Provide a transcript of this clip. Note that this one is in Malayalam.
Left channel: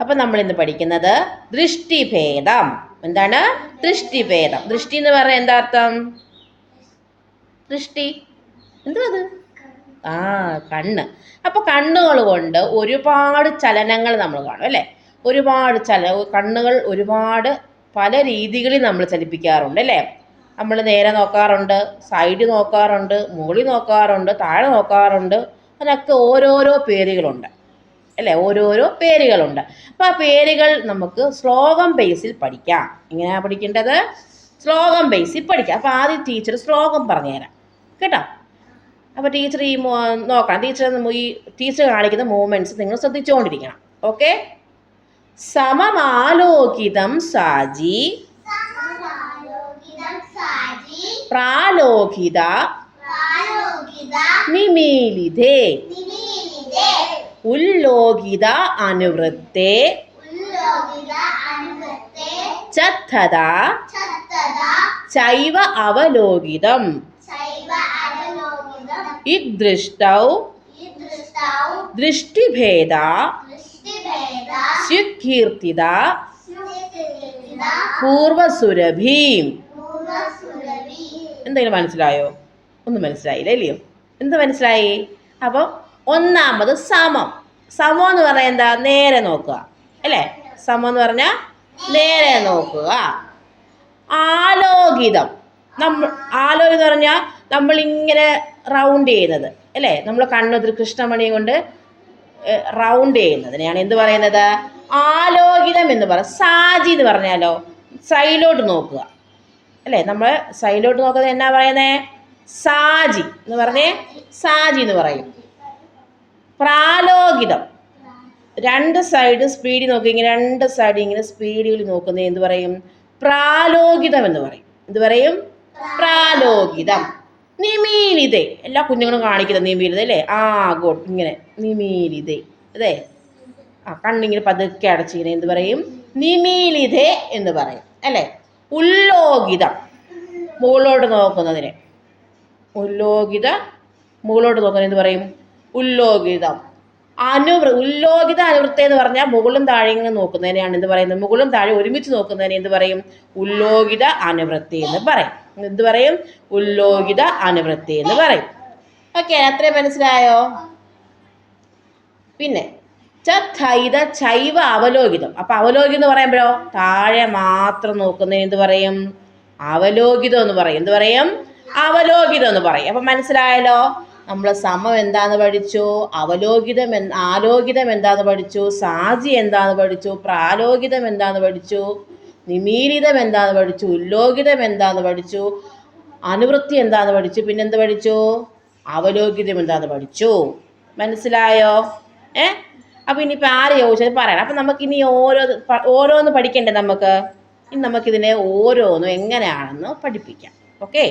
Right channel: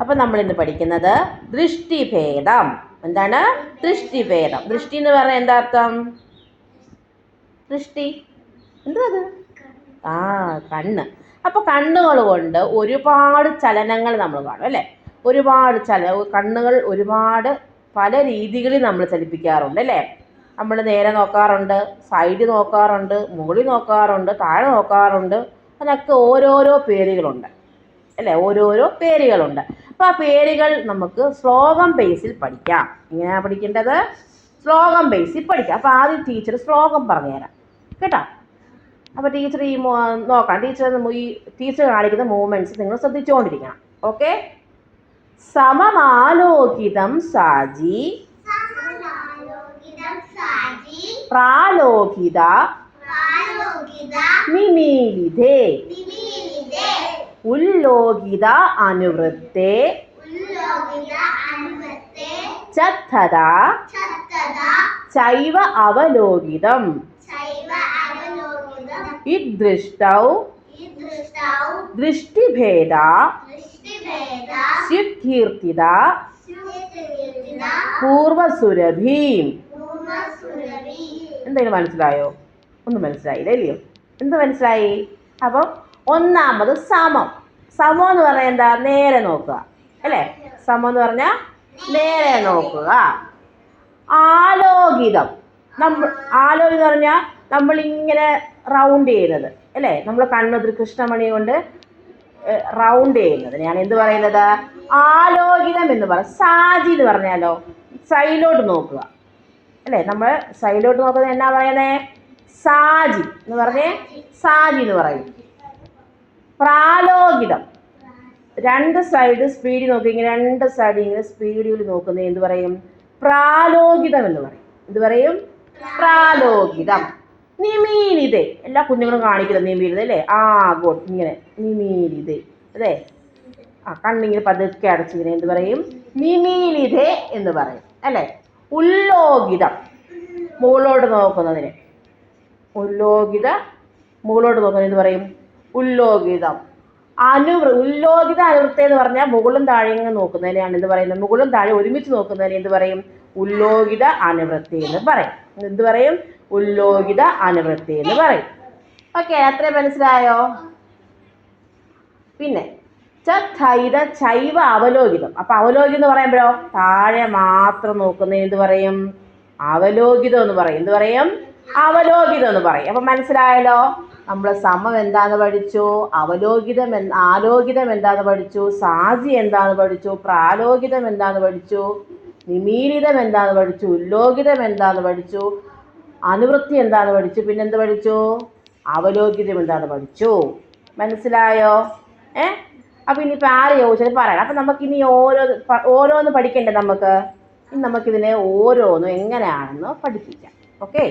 അപ്പം നമ്മളിന്ന് പഠിക്കുന്നത് ദൃഷ്ടിഭേദം. എന്താണ് ദൃഷ്ടിഭേദം? ദൃഷ്ടി എന്ന് പറഞ്ഞാൽ എന്താ അർത്ഥം? ദൃഷ്ടി എന്തുവാ അത്? കണ്ണ്. അപ്പോൾ കണ്ണുകൾ കൊണ്ട് ഒരുപാട് ചലനങ്ങൾ നമ്മൾ കാണും അല്ലേ? ഒരുപാട് കണ്ണുകൾ ഒരുപാട് പല രീതികളിൽ നമ്മൾ ചലിപ്പിക്കാറുണ്ട് അല്ലേ? നമ്മൾ നേരെ നോക്കാറുണ്ട്, സൈഡിൽ നോക്കാറുണ്ട്, മുകളിൽ നോക്കാറുണ്ട്, താഴെ നോക്കാറുണ്ട്. അതിനൊക്കെ ഓരോരോ പേരുകളുണ്ട് അല്ലേ? ഓരോരോ പേരുകളുണ്ട്. അപ്പോൾ ആ പേരുകൾ നമുക്ക് ശ്ലോകം ബേസിൽ പഠിക്കാം. എങ്ങനെയാണ് പഠിക്കേണ്ടത്? ശ്ലോകം ബേസിൽ പഠിക്കാം. അപ്പോൾ ആദ്യം ടീച്ചർ ശ്ലോകം പറഞ്ഞുതരാം കേട്ടോ. അപ്പോൾ ടീച്ചർ നോക്കണം. ടീച്ചർ കാണിക്കുന്ന മൂവ്മെൻറ്റ്സ് നിങ്ങൾ ശ്രദ്ധിച്ചുകൊണ്ടിരിക്കണം. ഓക്കെ. സമമാലോകിതം സാജി പ്രാലോകിത നിമീലിതേ ഉല്ലോകിത അനുവൃത്തേ ചത്തദാ ചൈവ അവലോകിതം ഇദ്ദൃഷ്ടൗ ദൃഷ്ടിഭേദ സ്യുകീർത്തിത പൂർവസുരഭീം. എന്തെങ്കിലും മനസ്സിലായോ? ഒന്നും മനസ്സിലായില്ല അല്ലയോ? എന്ത് മനസ്സിലായി? അപ്പം ഒന്നാമത് സമം. സമം എന്ന് പറഞ്ഞാൽ എന്താ? നേരെ നോക്കുക അല്ലേ? സമം എന്ന് പറഞ്ഞാൽ നേരെ നോക്കുക. ആലോകിതം. ആലോകിതം എന്ന് പറഞ്ഞാൽ നമ്മളിങ്ങനെ റൗണ്ട് ചെയ്യുന്നത് അല്ലേ? നമ്മൾ കണ്ണൊരു കൃഷ്ണമണിയെ കൊണ്ട് റൗണ്ട് ചെയ്യുന്നതിനെയാണ് എന്ത് പറയുന്നത്? ആലോകിതം എന്ന് പറയും. സാജി എന്ന് പറഞ്ഞാലോ സൈഡിലോട്ട് നോക്കുക അല്ലേ? നമ്മൾ സൈഡിലോട്ട് നോക്കുന്നത് എന്നാ പറയുന്നത്? സാജി എന്ന് പറഞ്ഞേ. സാജി എന്ന് പറയും. പ്രാലോകിതം രണ്ട് സൈഡ് സ്പീഡിൽ നോക്കി, ഇങ്ങനെ രണ്ട് സൈഡ് ഇങ്ങനെ സ്പീഡിൽ നോക്കുന്നത് എന്ത് പറയും? പ്രാലോകിതം എന്ന് പറയും. എന്ത് പറയും? പ്രാലോകിതം. നിമീലിതേ. എല്ലാ കുഞ്ഞുങ്ങളും കാണിക്കുന്നത് നിമീലിത അല്ലേ? ഗുഡ്. ഇങ്ങനെ നിമീലിതേ അതെ. കണ്ണിങ്ങനെ പതുക്കെ അടച്ചിങ്ങനെ എന്ത് പറയും? നിമീലിതേ എന്ന് പറയും അല്ലേ? ഉല്ലോകിതം മുകളിലോട്ട് നോക്കുന്നതിന്. ഉല്ലോകിത മുകളിലോട്ട് നോക്കുന്നത് എന്ത് പറയും? ഉല്ലോകിതം. ഉല്ലോകിത അനുവൃത്തി എന്ന് പറഞ്ഞാൽ മുകളും താഴെയും നോക്കുന്നതിനെയാണ് എന്ത് പറയുന്നത്? മുകളും താഴെ ഒരുമിച്ച് നോക്കുന്നതിനെ എന്ത് പറയും? ഉല്ലോകിത അനുവൃത്തി എന്ന് പറയും. എന്ത് പറയും? ഉല്ലോകിത അനുവൃത്തി എന്ന് പറയും. ഓക്കെ, അത്രയും മനസ്സിലായോ? പിന്നെ ചൈവ അവലോകിതം. അപ്പം അവലോകിതം എന്ന് പറയുമ്പോഴോ താഴെ മാത്രം നോക്കുന്നതിന് എന്ത് പറയും? അവലോകിതം എന്ന് പറയും. എന്ത് പറയും? അവലോകിതം എന്ന് പറയും. അപ്പം മനസ്സിലായല്ലോ? നമ്മൾ സമം എന്താന്ന് പഠിച്ചു, ആലോകിതം എന്താന്ന് പഠിച്ചു, സാജി എന്താന്ന് പഠിച്ചു, പ്രാലോകിതം എന്താന്ന് പഠിച്ചു, നിമീലിതം എന്താന്ന് പഠിച്ചു, ഉല്ലോകിതം എന്താന്ന് പഠിച്ചു, അനുവൃത്തി എന്താന്ന് പഠിച്ചു, പിന്നെന്ത് പഠിച്ചു? അവലോകിതം എന്താന്ന് പഠിച്ചു. മനസ്സിലായോ? അപ്പോൾ ഇനിയിപ്പോൾ ആര് ചോദിച്ചാൽ പറയണം. അപ്പം നമുക്കിനി ഓരോന്ന് പഠിക്കണ്ടേ? നമുക്കിതിനെ ഓരോന്നും എങ്ങനെയാണെന്ന് പഠിപ്പിക്കാം. ഓക്കെ.